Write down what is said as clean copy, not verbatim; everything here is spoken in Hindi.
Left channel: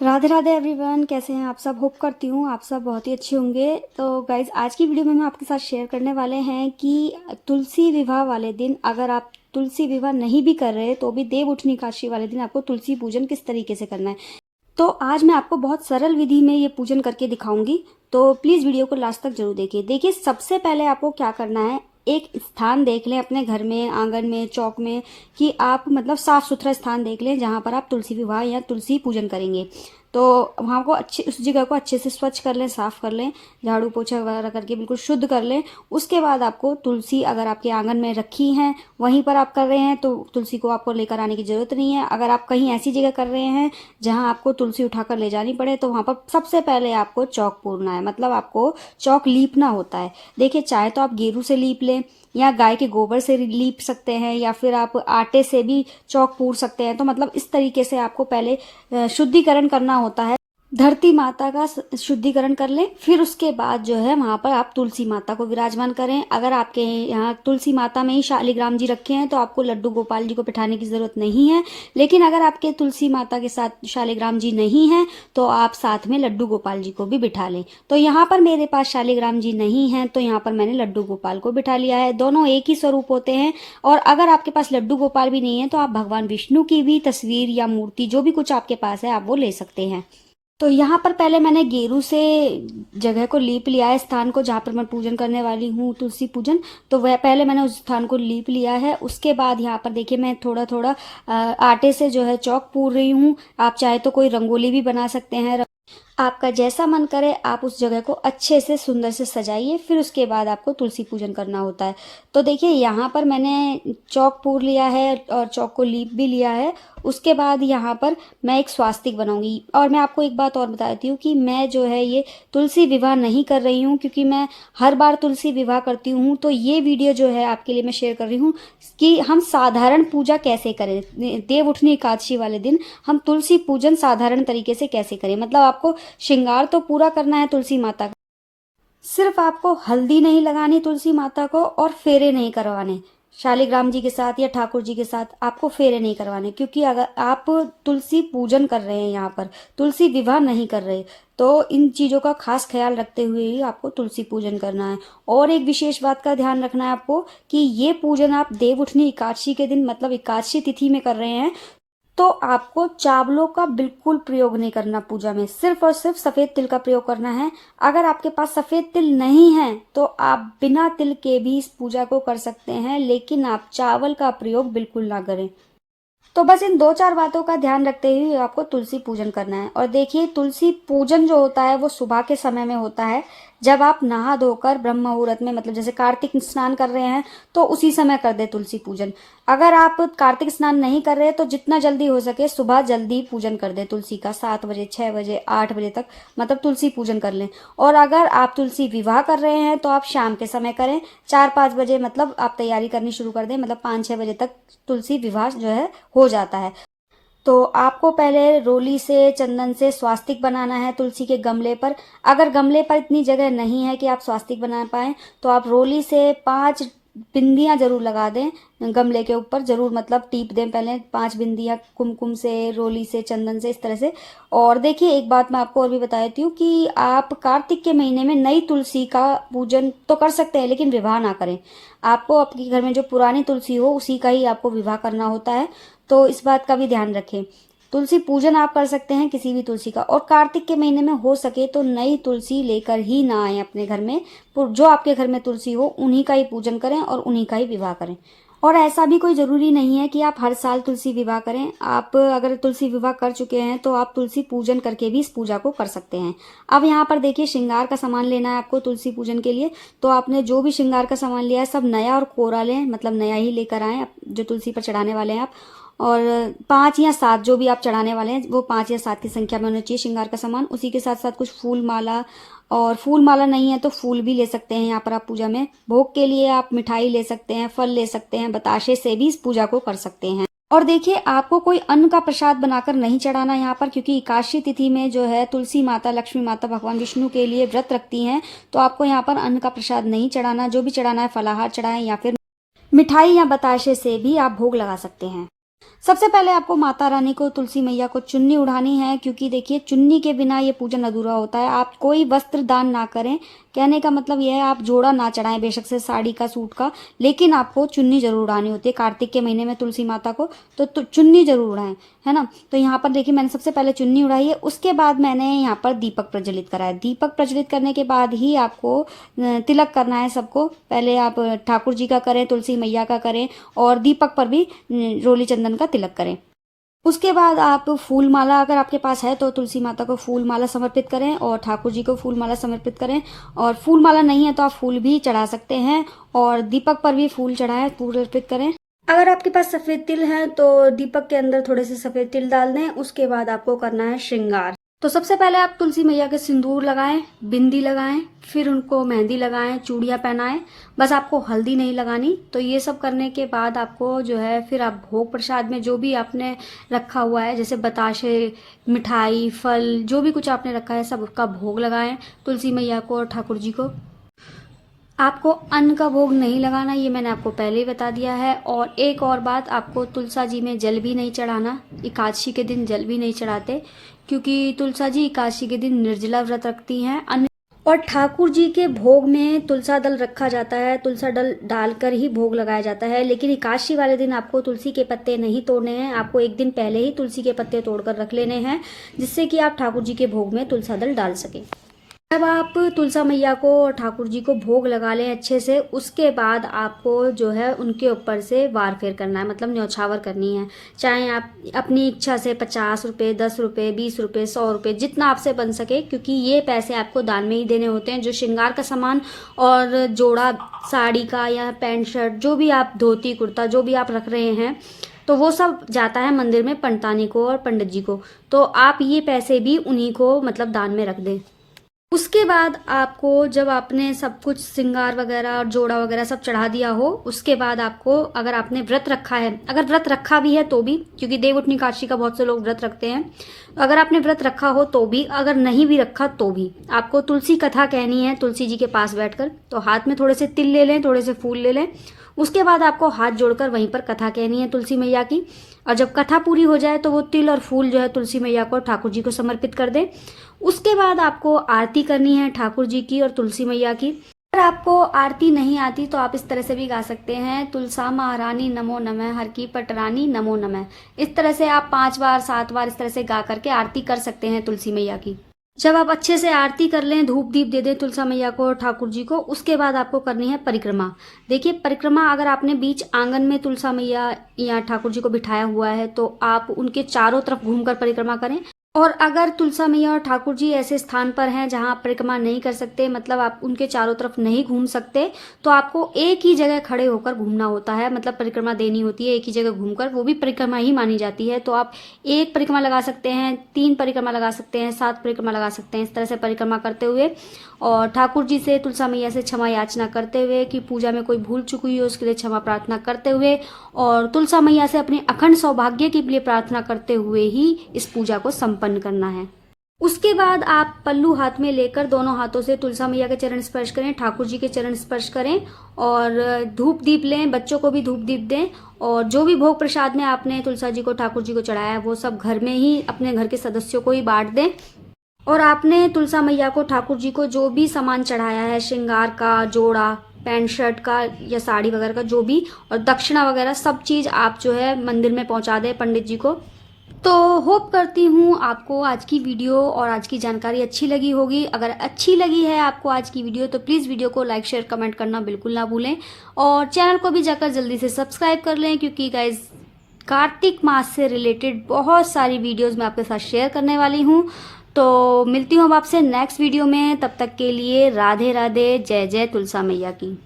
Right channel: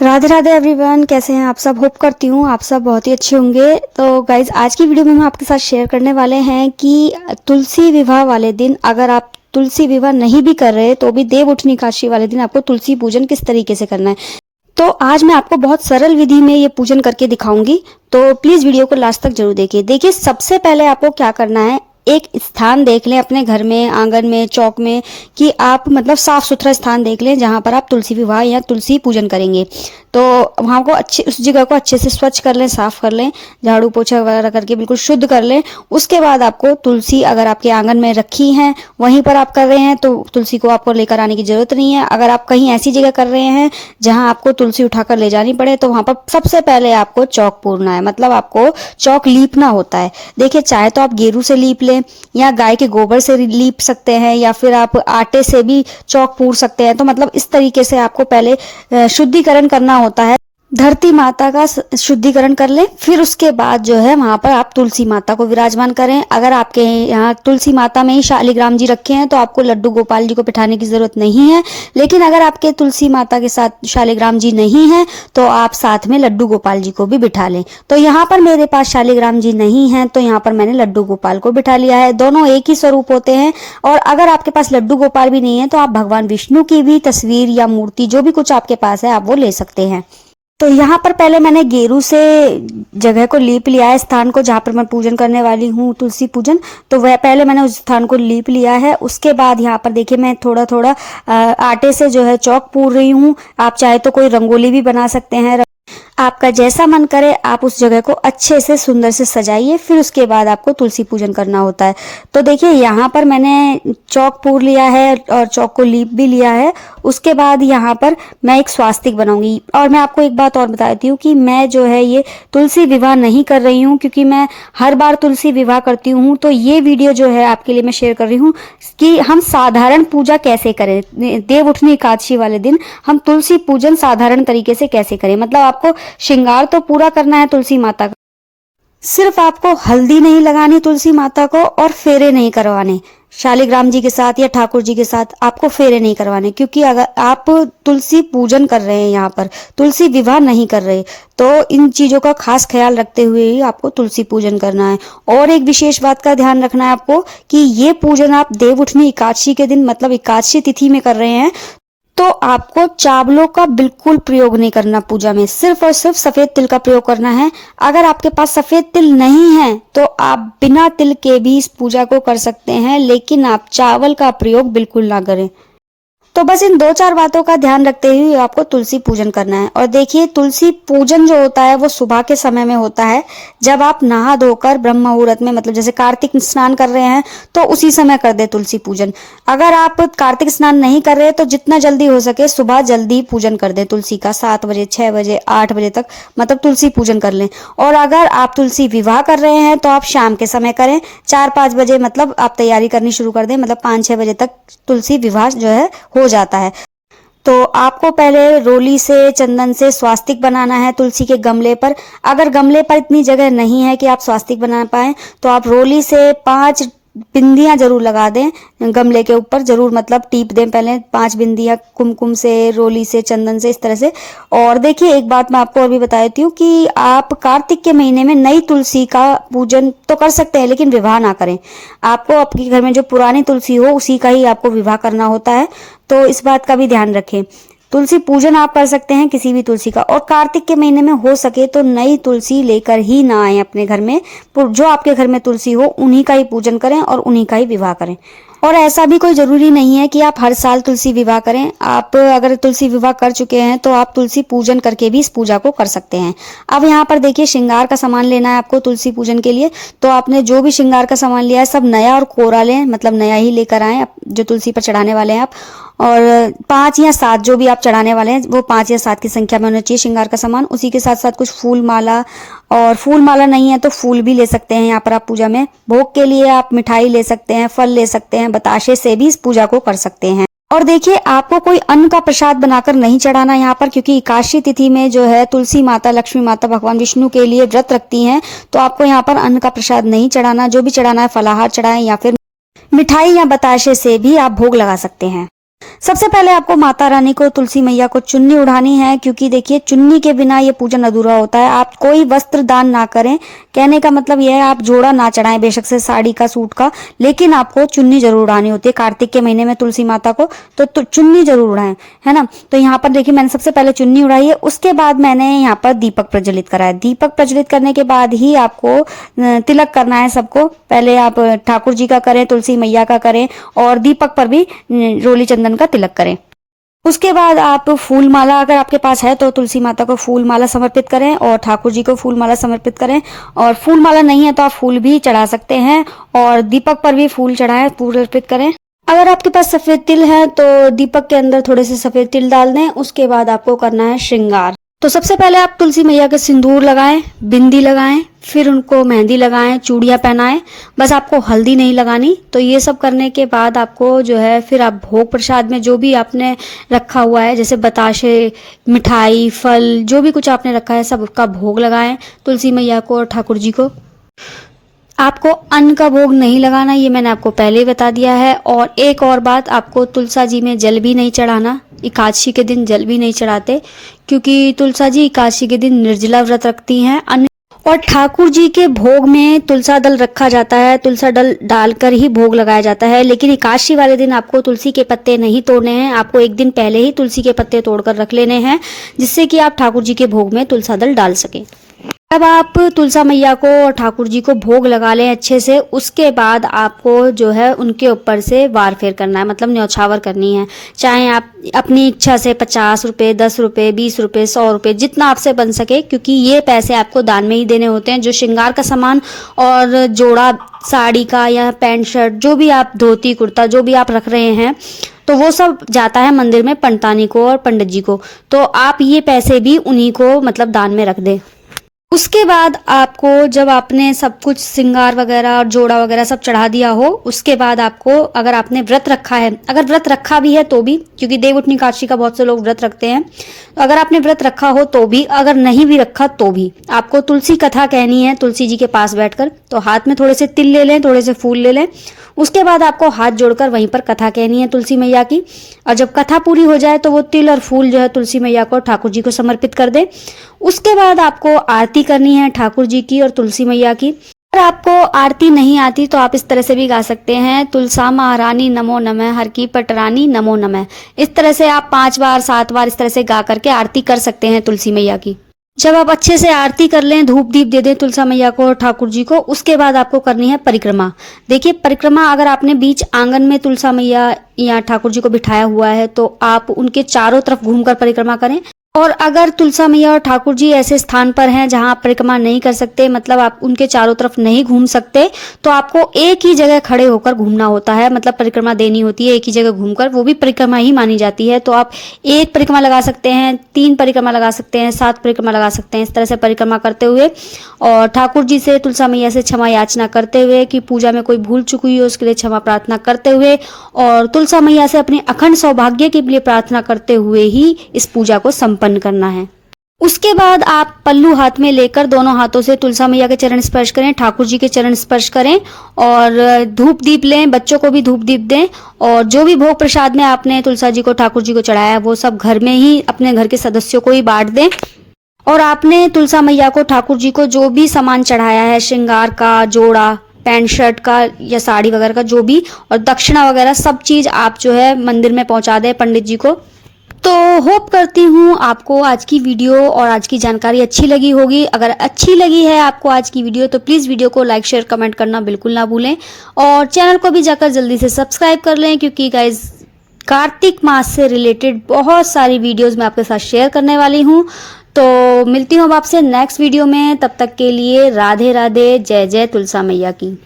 राधे राधे एवरीवन, कैसे हैं आप सब। होप करती हूँ आप सब बहुत ही अच्छे होंगे। तो गाइज, आज की वीडियो में हम आपके साथ शेयर करने वाले हैं कि तुलसी विवाह वाले दिन अगर आप तुलसी विवाह नहीं भी कर रहे तो भी देव उठनी एकादशी वाले दिन आपको तुलसी पूजन किस तरीके से करना है। तो आज मैं आपको बहुत सरल विधि में ये पूजन करके दिखाऊंगी, तो प्लीज वीडियो को लास्ट तक जरूर देखिए। देखिए, सबसे पहले आपको क्या करना है, एक स्थान देख लें अपने घर में, आंगन में, चौक में, कि आप मतलब साफ सुथरा स्थान देख लें जहां पर आप तुलसी विवाह या तुलसी पूजन करेंगे। तो वहां को अच्छे, उस जगह को अच्छे से स्वच्छ कर लें, साफ कर लें, झाड़ू पोछा वगैरह करके बिल्कुल शुद्ध कर लें। उसके बाद आपको तुलसी अगर आपके आंगन में रखी है, वहीं पर आप कर रहे हैं तो तुलसी को आपको लेकर आने की जरूरत नहीं है। अगर आप कहीं ऐसी जगह कर रहे हैं जहां आपको तुलसी उठाकर ले जानी पड़े, तो वहां पर सबसे पहले आपको चौक पूरना है, मतलब आपको चौक लीपना होता है। देखिए, चाहे तो आप गेरू से लीप लें या गाय के गोबर से लीप सकते हैं, या फिर आप आटे से भी चौक पूर सकते हैं। तो मतलब इस तरीके से आपको पहले शुद्धिकरण करना होता है, धरती माता का शुद्धिकरण कर लें। फिर उसके बाद जो है वहां पर आप तुलसी माता को विराजमान करें। अगर आपके यहाँ तुलसी माता में ही शालिग्राम जी रखे हैं तो आपको लड्डू गोपाल जी को बिठाने की जरूरत नहीं है। लेकिन अगर आपके तुलसी माता के साथ शालिग्राम जी नहीं है तो आप साथ में लड्डू गोपाल जी को भी बिठा लें। तो यहाँ पर मेरे पास शालिग्राम जी नहीं है, तो यहाँ पर मैंने लड्डू गोपाल को बिठा लिया है। दोनों एक ही स्वरूप होते हैं। और अगर आपके पास लड्डू गोपाल भी नहीं है तो आप भगवान विष्णु की भी तस्वीर या मूर्ति, जो भी कुछ आपके पास है, आप वो ले सकते हैं। तो यहाँ पर पहले मैंने गेरू से जगह को लीप लिया है, स्थान को जहाँ पर मैं पूजन करने वाली हूँ तुलसी पूजन। तो वह पहले मैंने उस स्थान को लीप लिया है। उसके बाद यहाँ पर देखिए, मैं थोड़ा थोड़ा आटे से जो है चौक पूर रही हूँ। आप चाहे तो कोई रंगोली भी बना सकते हैं, आपका जैसा मन करे आप उस जगह को अच्छे से सुंदर से सजाइए। फिर उसके बाद आपको तुलसी पूजन करना होता है। तो देखिए, यहाँ पर मैंने चौक पूर लिया है और चौक को लीप भी लिया है। उसके बाद यहाँ पर मैं एक स्वास्तिक बनाऊंगी। और मैं आपको एक बात और बता देती हूँ कि मैं जो है ये तुलसी विवाह नहीं कर रही हूँ, क्योंकि मैं हर बार तुलसी विवाह करती हूँ। तो ये वीडियो जो है आपके लिए मैं शेयर कर रही हूँ कि हम साधारण पूजा कैसे करें, देव उठनी एकादशी वाले दिन हम तुलसी पूजन साधारण तरीके से कैसे करें। मतलब आपको श्रृंगार तो पूरा करना है तुलसी माता का, सिर्फ आपको हल्दी नहीं लगानी तुलसी माता को, और फेरे नहीं करवाने शालिग्राम जी के साथ या ठाकुर जी के साथ आपको फेरे नहीं करवाने। क्योंकि अगर आप तुलसी पूजन कर रहे हैं, यहाँ पर तुलसी विवाह नहीं कर रहे, तो इन चीजों का खास ख्याल रखते हुए ही आपको तुलसी पूजन करना है। और एक विशेष बात का ध्यान रखना है आपको कि ये पूजन आप देव उठनी एकादशी के दिन, मतलब एकादशी तिथि में कर रहे हैं, तो आपको चावलों का बिल्कुल प्रयोग नहीं करना पूजा में, सिर्फ और सिर्फ सफेद तिल का प्रयोग करना है। अगर आपके पास सफेद तिल नहीं है तो आप बिना तिल के भी इस पूजा को कर सकते हैं, लेकिन आप चावल का प्रयोग बिल्कुल ना करें। तो बस इन दो चार बातों का ध्यान रखते हुए आपको तुलसी पूजन करना है। और देखिए, तुलसी पूजन जो होता है वो सुबह के समय में होता है, जब आप नहा धोकर ब्रह्म मुहूर्त में, मतलब जैसे कार्तिक स्नान कर रहे हैं तो उसी समय कर दे तुलसी पूजन। अगर आप कार्तिक स्नान नहीं कर रहे तो जितना जल्दी हो सके सुबह जल्दी पूजन कर दे तुलसी का, 7 बजे, 6 बजे, 8 बजे तक मतलब तुलसी पूजन कर लें। और अगर आप तुलसी विवाह कर रहे हैं तो आप शाम के समय करें, 4-5 बजे मतलब आप तैयारी करनी शुरू कर दें, मतलब 5-6 बजे तक तुलसी विवाह जो है हो जाता है। तो आपको पहले रोली से, चंदन से स्वास्तिक बनाना है तुलसी के गमले पर। अगर गमले पर इतनी जगह नहीं है कि आप स्वास्तिक बना पाए तो आप रोली से 5 बिंदियां जरूर लगा दें गमले के ऊपर, जरूर मतलब टीप दें पहले 5 बिंदियां कुमकुम से, रोली से, चंदन से, इस तरह से। और देखिए, एक बात मैं आपको और भी बता देती हूँ कि आप कार्तिक के महीने में नई तुलसी का पूजन तो कर सकते हैं, लेकिन विवाह ना करें। आपको आपके घर में जो पुरानी तुलसी हो उसी का ही आपको विवाह करना होता है, तो इस बात का भी ध्यान रखें। तुलसी पूजन आप कर सकते हैं किसी भी तुलसी का, और कार्तिक के महीने में हो सके तो नई तुलसी लेकर ही ना आए अपने घर में। जो आपके घर में तुलसी हो उन्हीं का ही पूजन करें और उन्हीं का ही विवाह करें। और ऐसा भी कोई जरूरी नहीं है कि आप हर साल तुलसी विवाह करें। आप अगर तुलसी विवाह कर चुके हैं तो आप तुलसी पूजन करके भी इस पूजा को कर सकते हैं। अब यहाँ पर देखिए, श्रृंगार का सामान लेना है आपको तुलसी पूजन के लिए। तो आपने जो भी श्रृंगार का सामान लिया है सब नया और कोरा लें, मतलब नया ही लेकर आए जो तुलसी पर चढ़ाने वाले हैं आप। और 5 या 7 जो भी आप चढ़ाने वाले हैं वो 5 या 7 की संख्या में होना चाहिए श्रृंगार का सामान। उसी के साथ साथ कुछ फूल माला, और फूल माला नहीं है तो फूल भी ले सकते हैं यहाँ पर आप पूजा में। भोग के लिए आप मिठाई ले सकते हैं, फल ले सकते हैं, बताशे से भी इस पूजा को कर सकते हैं। और देखिए, आपको कोई अन्न का प्रसाद बनाकर नहीं चढ़ाना यहाँ पर, क्योंकि एकादशी तिथि में जो है तुलसी माता, लक्ष्मी माता भगवान विष्णु के लिए व्रत रखती हैं। तो आपको यहाँ पर अन्न का प्रसाद नहीं चढ़ाना। जो भी चढ़ाना है फलाहार चढ़ाएं, या फिर मिठाई या बताशे से भी आप भोग लगा सकते हैं। सबसे पहले आपको माता रानी को, तुलसी मैया को चुन्नी उड़ानी है, क्योंकि देखिए चुन्नी के बिना ये पूजन अधूरा होता है। आप कोई वस्त्र दान ना करें, कहने का मतलब यह है आप जोड़ा ना चढ़ाएं, बेशक से साड़ी का, सूट का, लेकिन आपको चुन्नी जरूर उड़ानी होती है। कार्तिक के महीने में तुलसी माता को तो चुन्नी जरूर उड़ाएं, है ना। तो यहाँ पर देखिए मैंने सबसे पहले चुन्नी उड़ाई है, उसके बाद मैंने यहाँ पर दीपक प्रज्वलित करा है। दीपक प्रज्वलित करने के बाद ही आपको तिलक करना है सबको। पहले आप ठाकुर जी का करें, तुलसी मैया का करें, और दीपक पर भी रोली चंदन का तिलक करें। उसके बाद आप फूल माला, अगर आपके पास है तो तुलसी माता को फूल माला समर्पित करें और ठाकुर जी को फूल माला समर्पित करें। और फूल माला नहीं है तो आप फूल भी चढ़ा सकते हैं, और दीपक पर भी फूल चढ़ाएं, फूल अर्पित करें। अगर आपके पास सफेद तिल है तो दीपक के अंदर थोड़े से सफेद तिल डाल दें। उसके बाद आपको करना है श्रृंगार। तो सबसे पहले आप तुलसी मैया के सिंदूर लगाएं, बिंदी लगाएं, फिर उनको मेहंदी लगाएं, चूड़ियां पहनाएं। बस आपको हल्दी नहीं लगानी। तो ये सब करने के बाद आपको जो है फिर आप भोग प्रसाद में जो भी आपने रखा हुआ है, जैसे बताशे, मिठाई, फल, जो भी कुछ आपने रखा है सब उसका भोग लगाएं तुलसी मैया को और ठाकुर जी को। आपको अन्न का भोग नहीं लगाना, ये मैंने आपको पहले ही बता दिया है। और एक और बात, आपको तुलसा जी में जल भी नहीं चढ़ाना। एकादशी के दिन जल भी नहीं चढ़ाते, क्योंकि तुलसा जी एकादशी के दिन निर्जला व्रत रखती हैं। और ठाकुर जी के भोग में तुलसा दल रखा जाता है, तुलसा दल डालकर ही भोग लगाया जाता है। लेकिन एकादशी वाले दिन आपको तुलसी के पत्ते नहीं तोड़ने हैं, आपको एक दिन पहले ही तुलसी के पत्ते तोड़कर रख लेने हैं, जिससे कि आप ठाकुर जी के भोग में तुलसा दल डाल सकें। अब आप तुलसा मैया को और ठाकुर जी को भोग लगा लें अच्छे से। उसके बाद आपको जो है उनके ऊपर से वार फेर करना है, मतलब न्यौछावर करनी है। चाहे आप अपनी इच्छा से 50 रुपये, 10 रुपये, 20 रुपये, 100 रुपये, जितना आपसे बन सके, क्योंकि ये पैसे आपको दान में ही देने होते हैं। जो श्रृंगार का सामान और जोड़ा साड़ी का या पैंट शर्ट, जो भी आप धोती कुर्ता जो भी आप रख रहे हैं, तो वो सब जाता है मंदिर में पंडितानी को और पंडित जी को। तो आप ये पैसे भी उन्हीं को मतलब दान में रख दें। उसके बाद आपको, जब आपने सब कुछ श्रृंगार वगैरह और जोड़ा वगैरह सब चढ़ा दिया हो, उसके बाद आपको, अगर आपने व्रत रखा है, अगर व्रत रखा भी है तो भी, क्योंकि देवउठनी एकादशी का बहुत से लोग व्रत रखते हैं, तो अगर आपने व्रत रखा हो तो भी, अगर नहीं भी रखा तो भी, आपको तुलसी कथा कहनी है तुलसी जी के पास बैठकर। तो हाथ में थोड़े से तिल ले लें, थोड़े से फूल ले लें। उसके बाद आपको हाथ जोड़कर वहीं पर कथा कहनी है तुलसी मैया की। और जब कथा पूरी हो जाए तो वो तिल और फूल जो है तुलसी मैया को, ठाकुर जी को समर्पित कर दें। उसके बाद आपको आरती करनी है ठाकुर जी की और तुलसी मैया की। अगर आपको आरती नहीं आती तो आप इस तरह से भी गा सकते हैं, तुलसा महारानी नमो नमः, हर की पटरानी नमो नमः। इस तरह से आप 5 बार 7 बार इस तरह से गा करके आरती कर सकते हैं तुलसी मैया की। जब आप अच्छे से आरती कर लें, धूप दीप दे दें तुलसा मैया को और ठाकुर जी को, उसके बाद आपको करनी है परिक्रमा। देखिए परिक्रमा, अगर आपने बीच आंगन में तुलसा मैया या ठाकुर जी को बिठाया हुआ है तो आप उनके चारों तरफ घूमकर परिक्रमा करें। और अगर तुलसा मैया और ठाकुर जी ऐसे स्थान पर हैं जहां आप परिक्रमा नहीं कर सकते, मतलब आप उनके चारों तरफ नहीं घूम सकते, तो आपको एक ही जगह खड़े होकर घूमना होता है, मतलब परिक्रमा देनी होती है एक ही जगह घूमकर, वो भी परिक्रमा ही मानी जाती है। तो आप 1 परिक्रमा लगा सकते हैं, 3 परिक्रमा लगा सकते हैं, 7 परिक्रमा लगा सकते हैं। इस तरह से परिक्रमा करते हुए और ठाकुर जी से, तुलसा मैया से क्षमा याचना करते हुए कि पूजा में कोई भूल चुक हुई हो उसके लिए क्षमा प्रार्थना करते हुए, और तुलसा मैया से अपने अखंड सौभाग्य के लिए प्रार्थना करते हुए ही इस पूजा को संपन्न करना है। उसके बाद आप पल्लू हाथ में लेकर दोनों हाथों से तुलसा मैया के चरण स्पर्श करें, ठाकुर जी के चरण स्पर्श करें, और धूप दीप लें, बच्चों को भी धूप दीप दें। और जो भी भोग प्रसाद में आपने तुलसा जी को, ठाकुर जी को चढ़ाया है, वो सब घर में ही अपने घर के सदस्यों को ही बांट दें। और आपने तुलसा मैया को, ठाकुर जी को जो भी सामान चढ़ाया है, श्रृंगार का, जोड़ा, पैंट शर्ट का या साड़ी वगैरह का जो भी, और दक्षिणा वगैरह सब चीज आप जो है मंदिर में पहुंचा दें पंडित जी को। तो होप करती हूँ आपको आज की वीडियो और आज की जानकारी अच्छी लगी होगी। अगर अच्छी लगी है आपको आज की वीडियो तो प्लीज़ वीडियो को लाइक शेयर कमेंट करना बिल्कुल ना भूलें, और चैनल को भी जाकर जल्दी से सब्सक्राइब कर लें, क्योंकि गाइज कार्तिक मास से रिलेटेड बहुत सारी वीडियोस मैं आपके साथ शेयर करने वाली हूँ। तो मिलती हूँ अब आपसे नेक्स्ट वीडियो में, तब तक के लिए राधे राधे, जय जय तुलसा मैया की।